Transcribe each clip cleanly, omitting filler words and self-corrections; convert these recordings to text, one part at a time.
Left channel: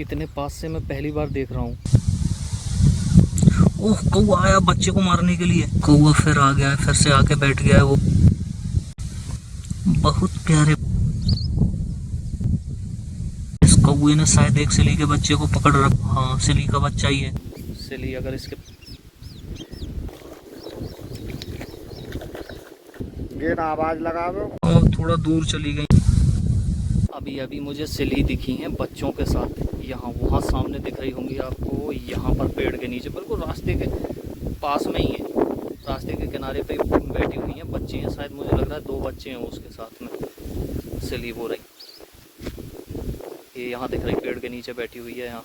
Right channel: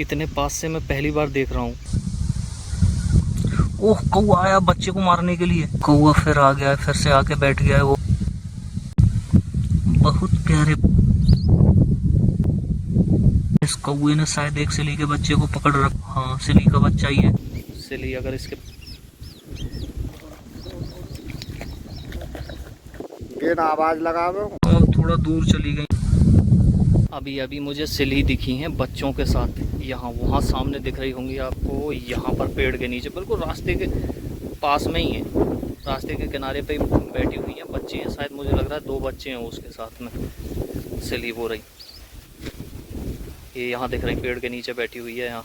इतने पास से मैं पहली बार देख रहा हूँ। ओह, कौवा आया बच्चे को मारने के लिए। कौवा फिर आ गया है, फिर से आके बैठ गया है वो। बहुत प्यारे। इस कौवे ने शायद एक सिली के बच्चे को पकड़ रखा। हाँ, सिली का बच्चा ही है। सिली अगर इसके ये ना आवाज लगावे। और थोड़ा दूर चली गई। अभी अभी मुझे सिली दिखी हैं बच्चों के साथ। यहाँ वहाँ सामने दिख रही होंगी आपको, यहाँ पर पेड़ के नीचे बिल्कुल रास्ते के पास में ही है। रास्ते के किनारे पे बैठी हुई हैं, बच्चे हैं शायद, मुझे लग रहा है 2 बच्चे हैं उसके साथ में। सिली वो रही, ये यहाँ दिख रही, पेड़ के नीचे बैठी हुई है।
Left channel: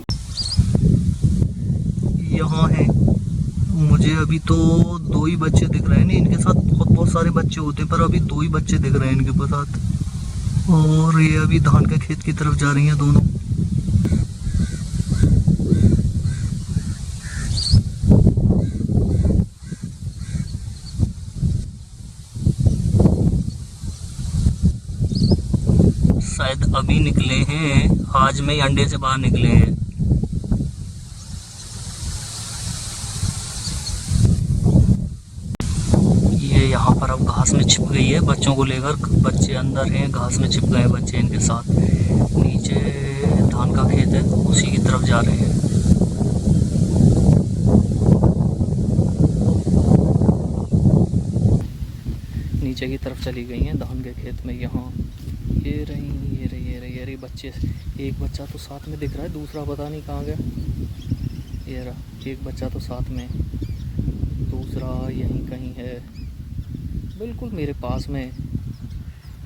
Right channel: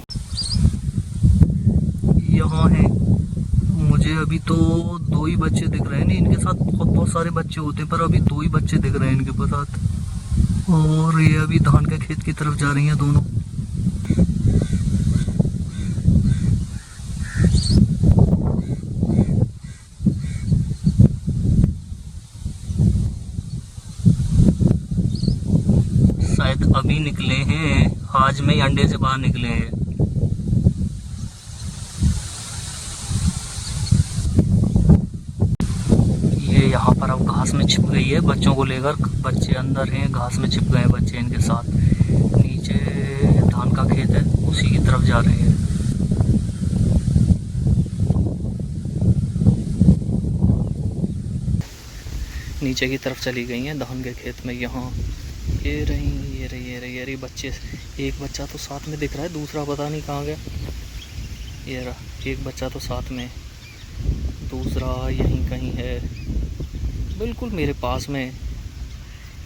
यहाँ है। मुझे अभी तो 2 ही बच्चे दिख रहे हैं। नहीं, इनके साथ बहुत सारे बच्चे होते हैं, पर अभी 2 ही बच्चे दिख रहे हैं इनके साथ। और ये अभी धान के खेत की तरफ जा रही हैं दोनों। शायद अभी निकले हैं, आज में ही अंडे से बाहर निकले हैं। ये यहाँ पर अब घास में छिप गई है बच्चों को लेकर। बच्चे अंदर हैं, घास में छिप गए हैं बच्चे इनके साथ। नीचे धान का खेत है, उसी की तरफ जा रहे हैं। नीचे की तरफ चली गई हैं धान के खेत में। यहाँ ये रही, ये रही, ये रही, ये रही बच्चे। एक बच्चा तो साथ में दिख रहा है, दूसरा पता नहीं कहाँ गया। ये रहा, एक बच्चा तो साथ में, दूसरा यहीं कहीं है, बिल्कुल मेरे पास में।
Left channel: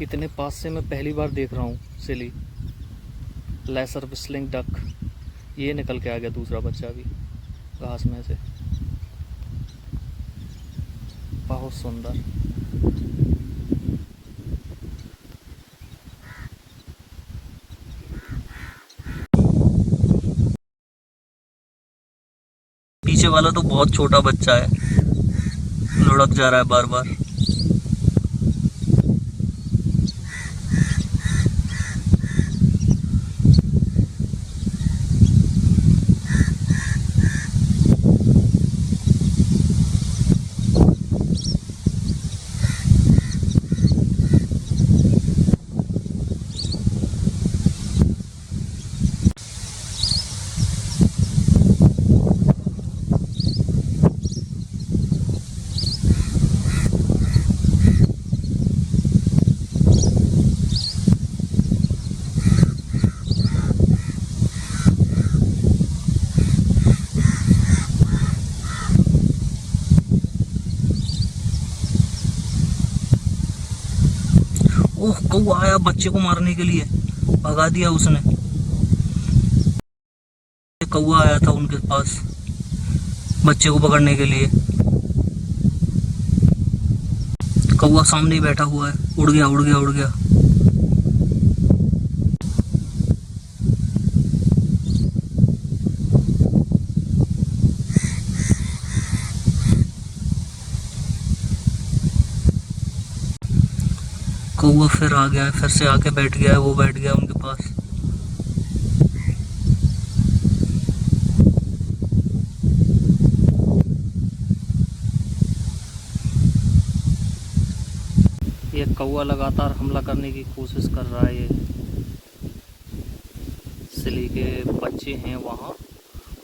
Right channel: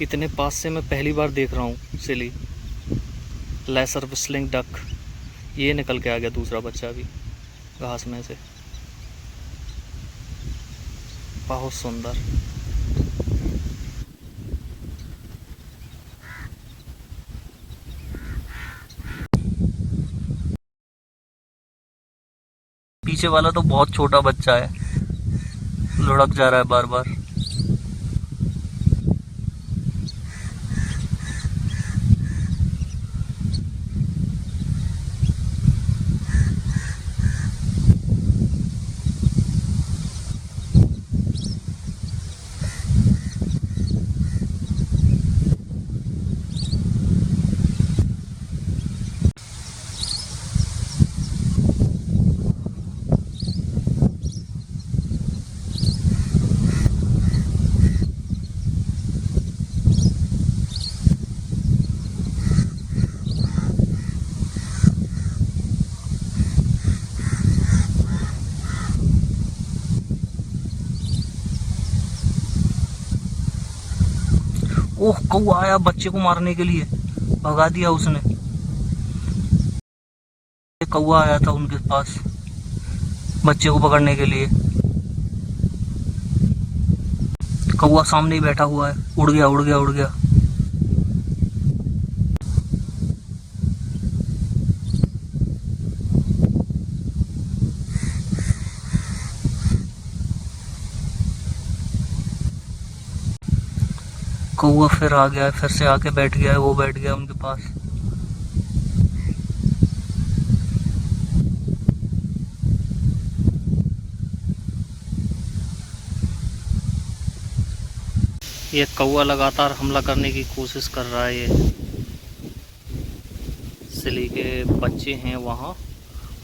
इतने पास से मैं पहली बार देख रहा हूँ सिली, लेसर विस्लिंग डक। ये निकल के आ गया दूसरा बच्चा भी घास में से। बहुत सुंदर। पीछे वाला तो बहुत छोटा बच्चा है, लुढ़क जा रहा है बार बार। ओह, कौवा आया बच्चे को मारने के लिए, भगा दिया उसने। कौवा आया था उनके पास बच्चे को पकड़ने के लिए। कौवा सामने ही बैठा हुआ है। उड़ गया, उड़ गया, उड़ गया। कौवा फिर आ गया है, फिर से आके बैठ गया है, वो बैठ गया उनके पास। ये कौवा लगातार हमला करने की कोशिश कर रहा है। ये सिली के बच्चे हैं वहाँ,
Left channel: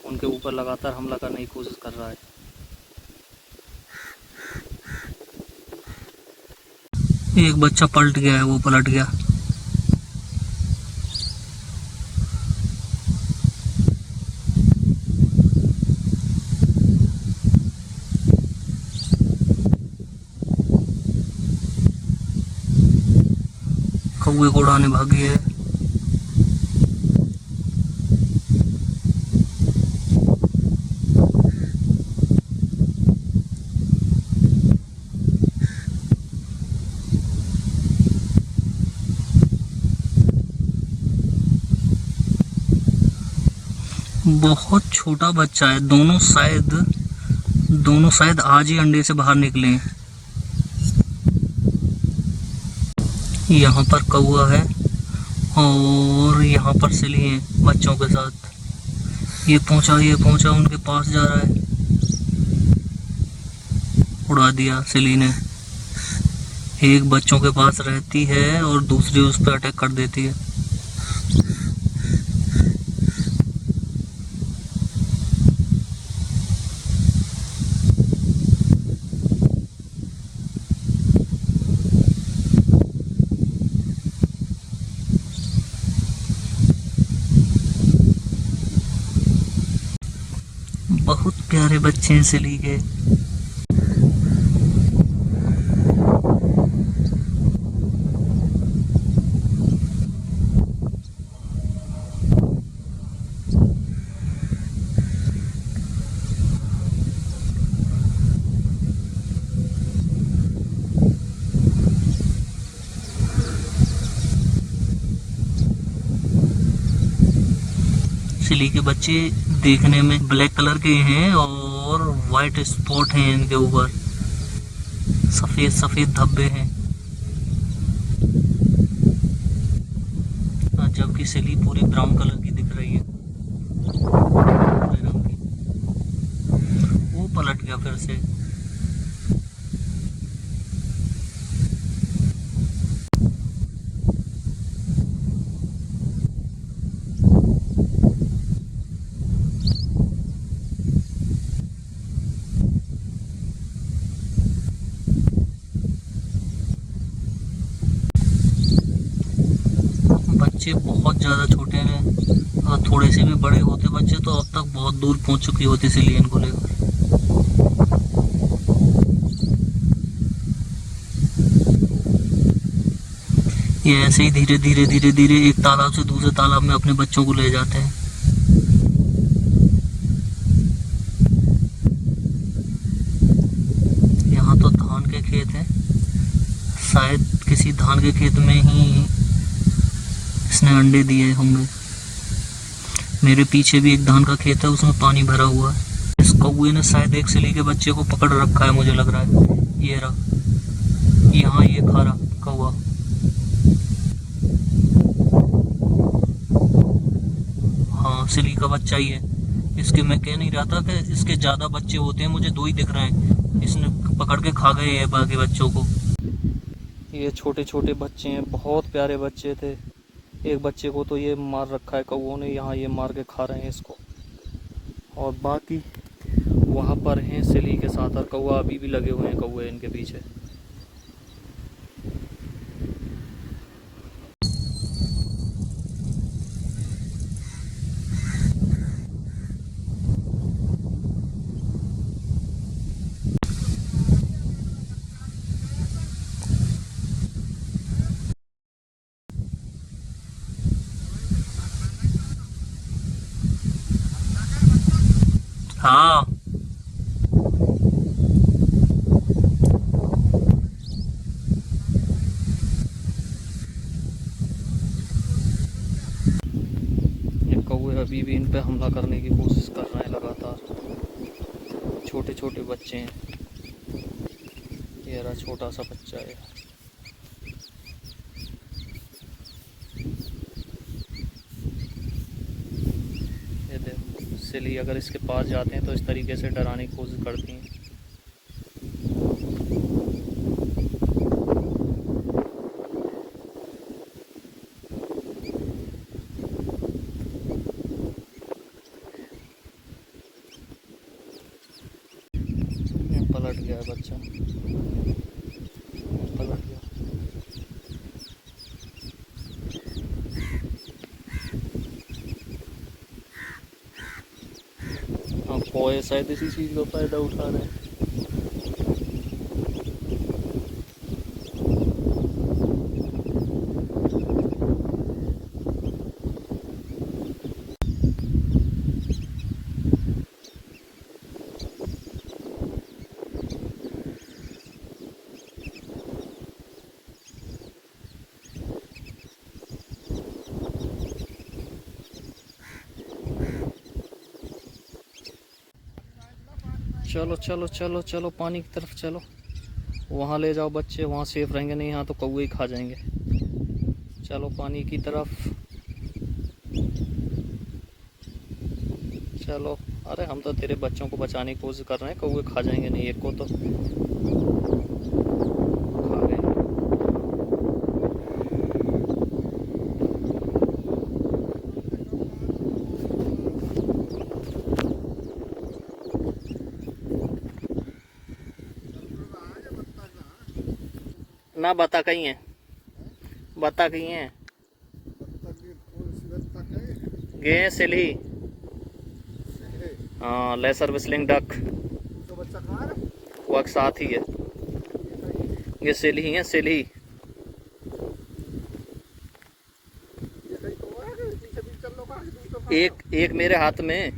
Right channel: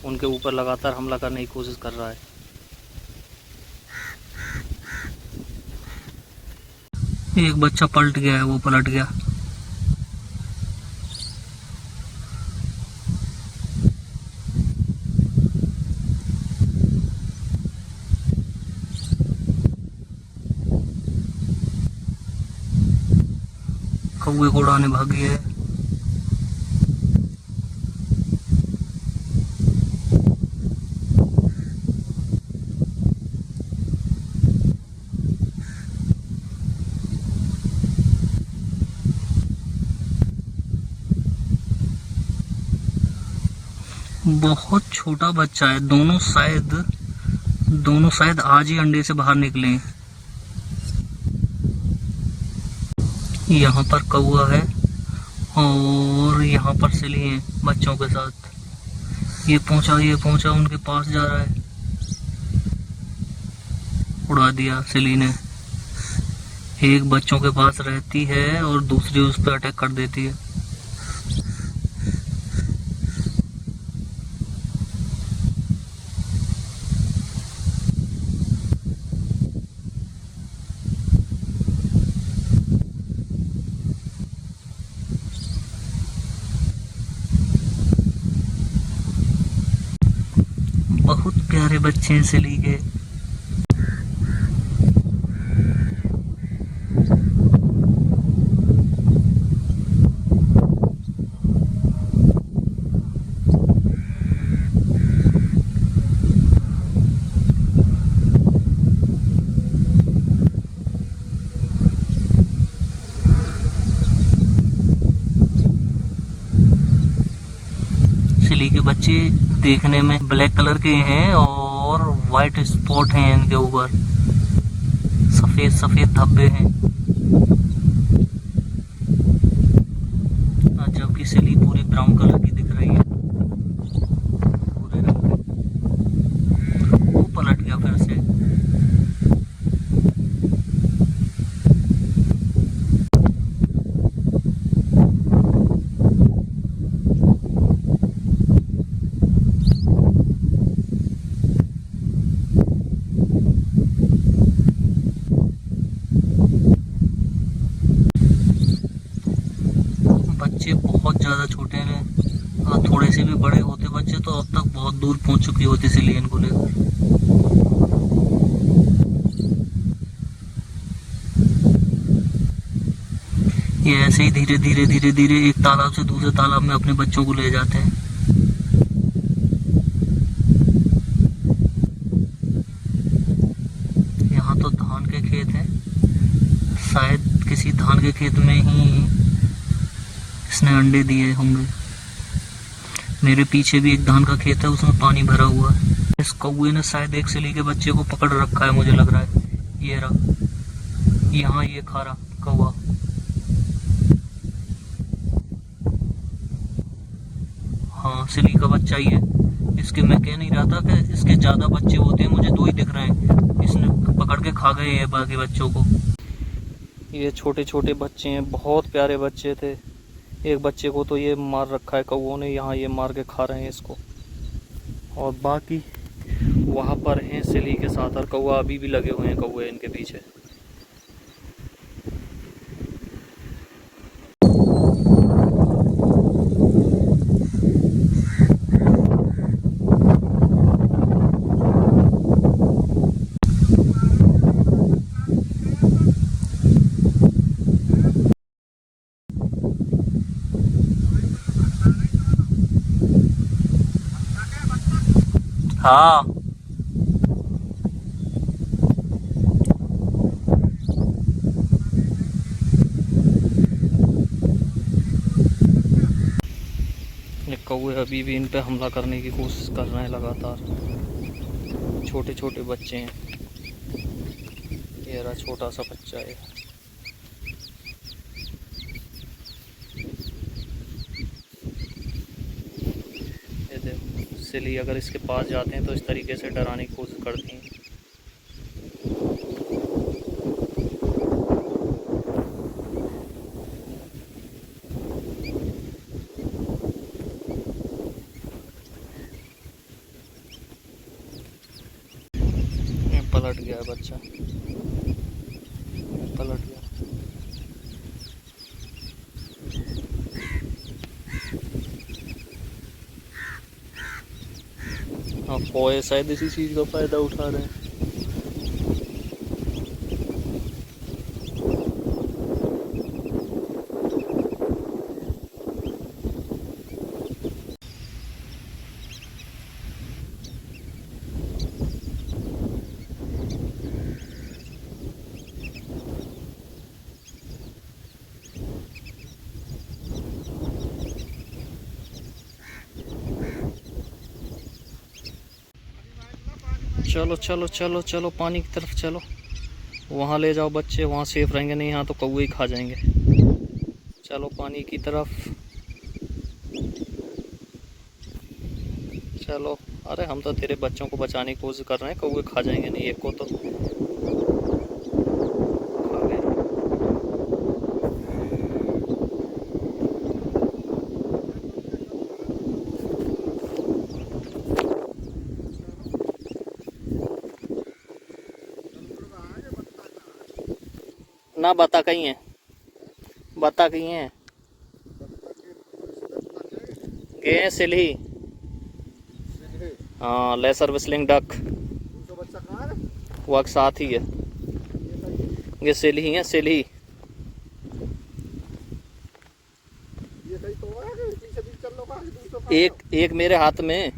उनके ऊपर लगातार हमला करने की कोशिश कर रहा है। एक बच्चा पलट गया है, वो पलट गया। कौवे को उड़ाने भागी है। बहुत छोटा बच्चा है। दोनों शायद आज ही अंडे से बाहर निकले हैं। यहाँ पर कौवा है और यहाँ पर सिली है बच्चों के साथ। ये पहुंचा उनके पास जा रहा है। उड़ा दिया सिली ने। एक बच्चों के पास रहती है और दूसरी उस पर अटैक कर देती है। बहुत प्यारे बच्चे हैं सिली के। सिली के बच्चे देखने में ब्लैक कलर के हैं और वाइट स्पॉट हैं इनके ऊपर, सफेद सफेद धब्बे हैं, जबकि सिली पूरी ब्राउन कलर की दिख रही है। वो पलट गया फिर से। बच्चे बहुत ज़्यादा छोटे हैं, अगर थोड़े से भी बड़े होते बच्चे तो अब तक बहुत दूर पहुंच चुकी होती सिली इनको लेकर। ये ऐसे ही धीरे धीरे धीरे धीरे एक तालाब से दूसरे तालाब में अपने बच्चों को ले जाते हैं। यहाँ तो धान के खेत हैं, शायद किसी धान के खेत में ही इसने अंडे दिए होंगे। मेरे पीछे भी एक धान का खेत है, उसमें पानी भरा हुआ है। इस कौवे ने शायद एक सिली के बच्चे को पकड़ रखा है, मुझे लग रहा है। ये रहा, यहाँ ये खा रहा कौवा। हाँ, सिली का बच्चा ही है। इसके मैं कह नहीं रहा था कि इसके ज्यादा बच्चे होते हैं, मुझे 2 ही दिख रहे हैं। इसने पकड़ के खा गए हैं बाकी बच्चों को। ये छोटे छोटे बच्चे हैं, बहुत प्यारे बच्चे थे। एक बच्चे को तो ये मार रखा है कौवों ने, यहाँ ये मार के खा रहे हैं इसको। और बाकी वहाँ पर हैं सिली के साथ, और कौवा अभी भी लगे हुए हैं कौवे इनके पीछे। हाँ, ये कौवे अभी भी इन पे हमला करने की कोशिश कर रहे हैं लगातार। छोटे छोटे बच्चे हैं। ये रहा छोटा सा बच्चा है। ये देखो, सिली अगर इसके पास जाते हैं तो इस तरीके से डराने की कोशिश करती हैं। पलट गया है बच्चा, पलट गया। हाँ, कौवे शायद इसी चीज़ का फ़ायदा उठा रहे हैं। चलो चलो चलो चलो, पानी की तरफ चलो। वहाँ ले जाओ बच्चे, वहाँ सेफ रहेंगे, नहीं यहाँ तो कौवे ही खा जाएंगे। चलो पानी की तरफ, चलो, अरे हम तो तेरे बच्चों को बचाने की कोशिश कर रहे हैं, कौवे खा जाएंगे नहीं, एक को तो खा गए। ना बता कहीं है, बता कहीं है, गए हैं सिल्ही। हाँ, लेसर विस्लिंग डक, तो बच्चा कहाँ है? वो एक साथ ही है। ये सिल्ही है, सिल्ही। ये कहीं तो है कि पीछे पीछे चल लो, कहाँ से दूर तो खा एक एक मेरे हाथ में।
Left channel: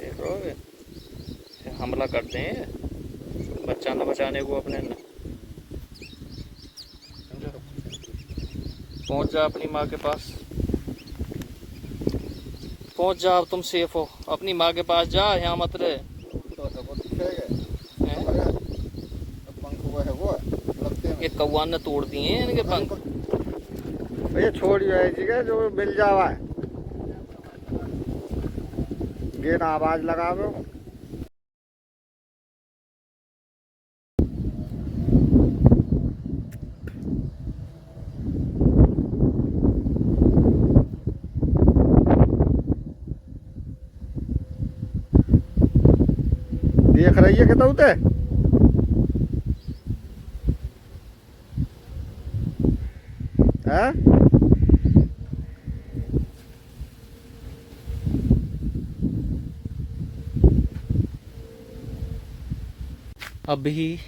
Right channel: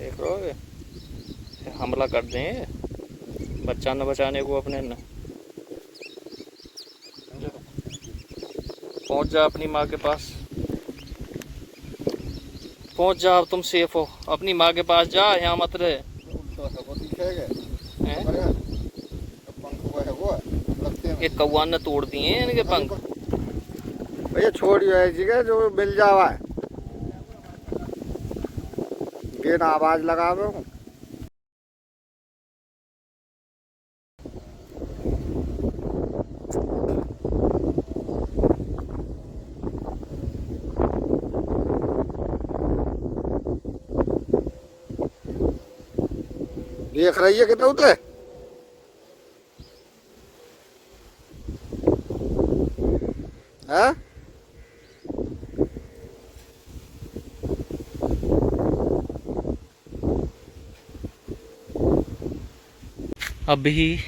देखो, हमला कर दें बच्चा न बचाने को अपने न। पहुंच जा अपनी माँ के पास, पहुंच जा, अब तुम सेफ हो, अपनी माँ के पास जा, यहाँ मत रहे। तो सब दिखेगा। हैं? अरे पंख हुआ है वो लगते हैं। ये कौवा ने तोड़ दिए हैं इनके पंख। भैया छोड़ियो है जगह जो मिल जावा है, ये ना आवाज लगावे। देख रही है कितना उते है। अभी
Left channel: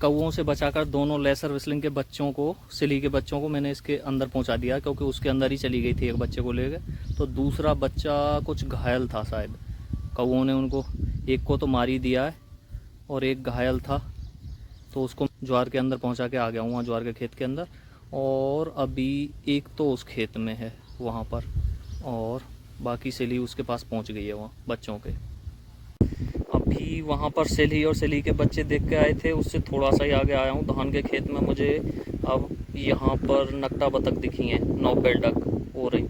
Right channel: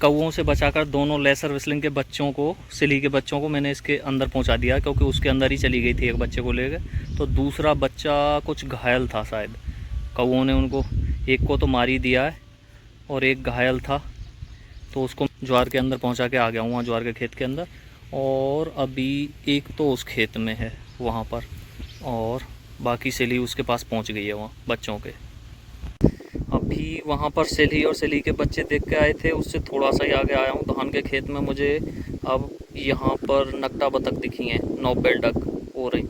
कौवों से बचाकर दोनों लेसर विस्लिंग के बच्चों को, सिली के बच्चों को मैंने इसके अंदर पहुंचा दिया, क्योंकि उसके अंदर ही चली गई थी एक बच्चे को लेकर। तो दूसरा बच्चा कुछ घायल था शायद, कौवों ने उनको एक को तो मार ही दिया है और एक घायल था, तो उसको ज्वार के अंदर पहुंचा के आ गया हूँ, वहाँ ज्वार के खेत के अंदर। और अभी एक तो उस खेत में है वहाँ पर, और बाकी सिली उसके पास पहुँच गई है वहाँ बच्चों के। अभी वहाँ पर सिली और सिली के बच्चे देख के आए थे, उससे थोड़ा सा ही आगे आया हूँ धान के खेत में। मुझे अब यहाँ पर नकटा बतख दिखी हैं, नोबेल डक हो रही।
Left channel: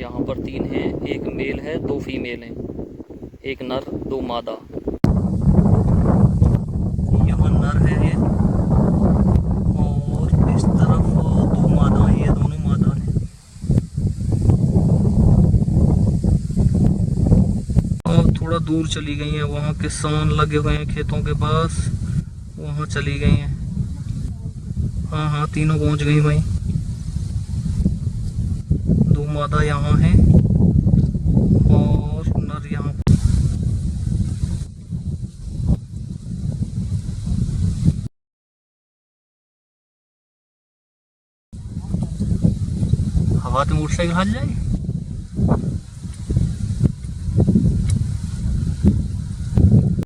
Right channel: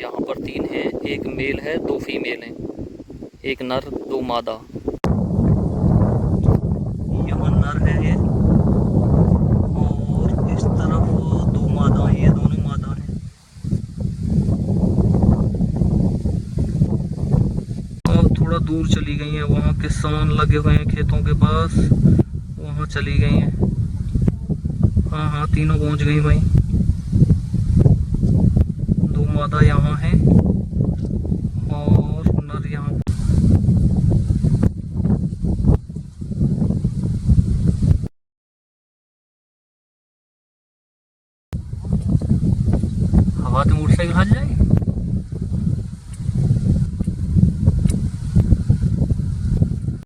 यहाँ पर 3 हैं, एक मेल है, 2 फीमेल हैं, एक नर 2 मादा। यहाँ नर है ये, और इस तरफ 2 मादा हैं, ये दोनों मादा हैं। अब थोड़ा दूर चली गई हैं, वहाँ किसान लगे हुए हैं खेतों के पास, वहाँ चली गई हैं। हाँ हाँ, तीनों पहुँच गई भाई। 2 मादा यहाँ हैं और नर यहाँ। हवा तो मोटरसाइकिल हल जाए।